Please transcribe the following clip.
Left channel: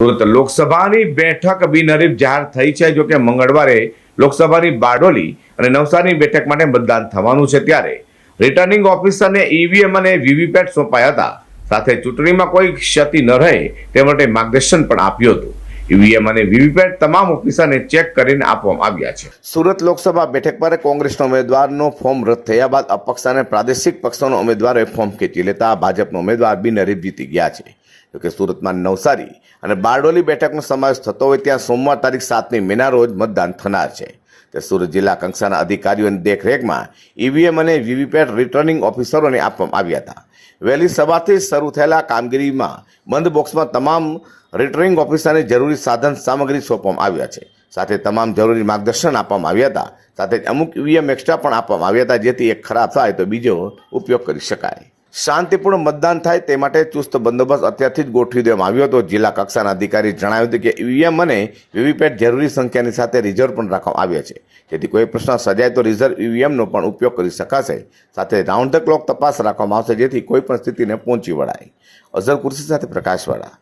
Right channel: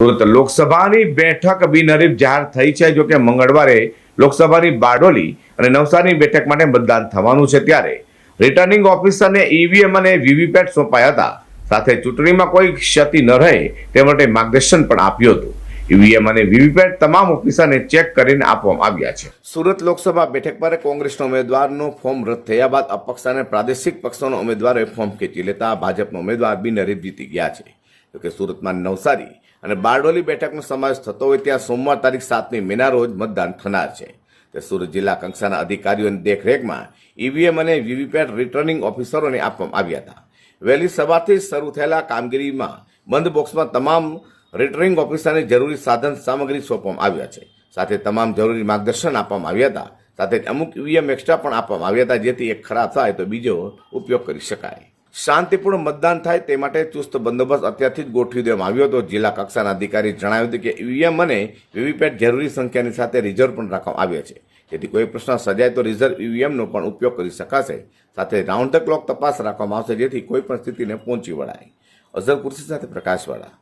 સુરત લોકસભાની બેઠક બિનહરીફ જાહેર થઈ છે। જો કે મંગળવારે લોકસભાની બારડોલી અને નવસારીની બેઠક માટે મતદાન થવાનું છે, ત્યારે રિટર્નિંગ ઓફિસરને ઈવીએમ અને વીવીપેટ સોંપાયા હતા। સાથે ચૂંટણીમાં કોઈ ક્ષતિ ન રહે તે માટે માર્ગદર્શન પણ આપ્યું હતું। ઈવીએમ અને વીવીપેટ તમામ ઓફિસરને ચેક કરીને આપવામાં આવ્યા છે। સુરત લોકસભા બેઠક પર કોંગ્રેસના ઉમેદવારનો ફોર્મ રદ થયા બાદ અપક્ષ અને પ્રાદેશિક પક્ષોના ઉમેદવારોએ ફોર્મ ખેંચી લેતા ભાજપનો ઉમેદવાર બિનહરીફ જીતી ગયા છે। જોકે સુરતમાં નવસારી અને બારડોલી બેઠકનો સમાવેશ થતો હોય ત્યાં સોમવાર તારીખ 7મી મેના રોજ મતદાન થનાર છે। તે સુરત જિલ્લા કક્ષાના અધિકારીઓની દેખરેખમાં ઈવીએમ અને વીવીપેટ રિટર્નિંગ ઓફિસરોને આપવામાં આવ્યા હતા। વહેલી સવારથી શરૂ થયેલા કામગીરીમાં બંધ બોક્સમાં તમામ રિટર્નિંગ ઓફિસરને જરૂરી સાધન સામગ્રી સોંપવામાં આવ્યા છે। સાથે તમામ જરૂરી માર્ગદર્શન આપવામાં આવ્યા હતા। સાથે અમુક ઈવીએમ એક્સ્ટ્રા પણ આપવામાં આવ્યા હતા, જેથી એક ખરાબ થાય તો બીજો ઉપયોગ કરી શકાય। શાંતિપૂર્ણ મતદાન થાય તે માટે ચુસ્ત બંદોબસ્ત અત્યારથી જ ગોઠવી દેવામાં આવ્યો હતો। જિલ્લા કક્ષાના અધિકારી જણાવ્યું હતું કે ઈવીએમ અને વીવીપેટ જરૂરી સંખ્યાની સાથે રિઝર્વ પણ રાખવામાં આવ્યા છે, જેથી કોઈ પ્રશ્ન સર્જાય તો રિઝર્વ ઈવીએમનો પણ ઉપયોગ કરી શકાશે। સાથે રાઉન્ડ ધ ક્લોક તપાસ રાખવામાં આવશે, જેથી કોઈ પણ સ્થિતિને પહોંચી વળાય। અઝર કુર્સી સાથે પ્રકાશવાળા।